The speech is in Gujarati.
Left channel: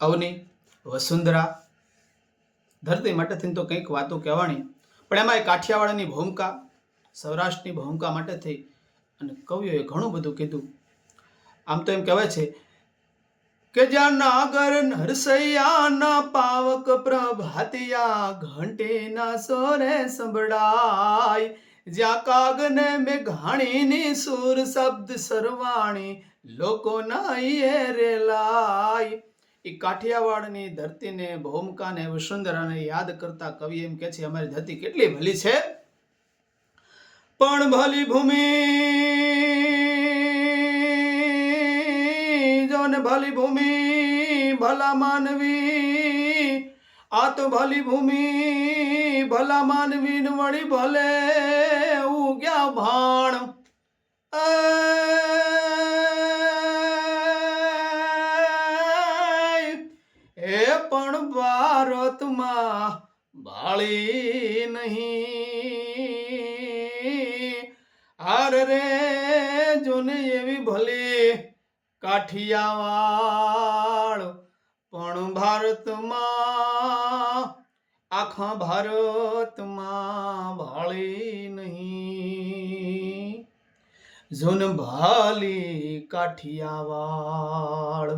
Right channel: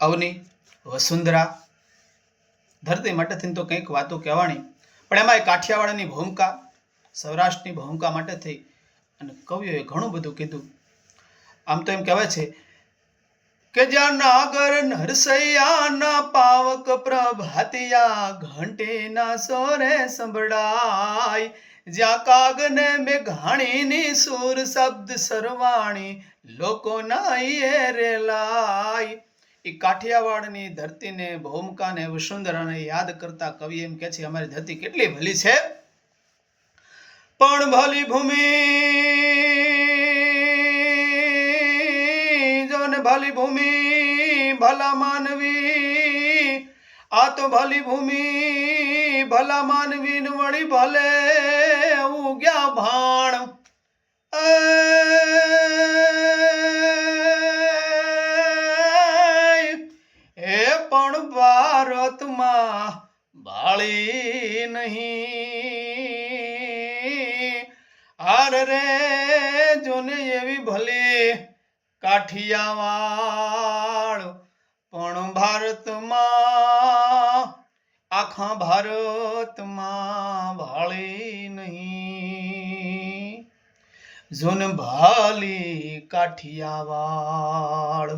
અવની, વસુંધરા, ધરતી માટે થઈને તો કંઈક વાતો કહેવાની, પણ એમાં કાઠિયાવાડની ભૂમિકા, સૌરાષ્ટ્રની ભૂમિકા માટે થઈ અને કવિઓએ ઘણું બધું કીધું. આમ તો એમ કહેવાય છે કે જ્યાં નાગર નરસૈયાના પાવક પ્રભાતિયા ઘંટીના સોરે સંભળાય, જ્યાં કાગને મેઘાણીની સુર શબ્દ સરવાણી લોકોના ઈએ રેલાય. એ કાઠિયાવાડની ધરતીને, ભૂમિકાને, વસુંધરાને યાદ કરતા કવિ એમ કહે છે અમારી ધરતી કેટલી ભલી છે, પણ ભલી ભૂમિ જોને ભલી ભૂમિ ભલા માનવી, આ તો ભલી ભૂમિ ભલા માનવી વળી ભલે ઉગ્યા ભાણ. એ પણ ભારતમાં બાળી નહીં, હાર રે જોને એવી ભલી કાઠિયાવાડ, પણ ભારતમાં આખા ભારતમાં ભાળી નહીં, જોન ભાલી કાઠિયાવાડ.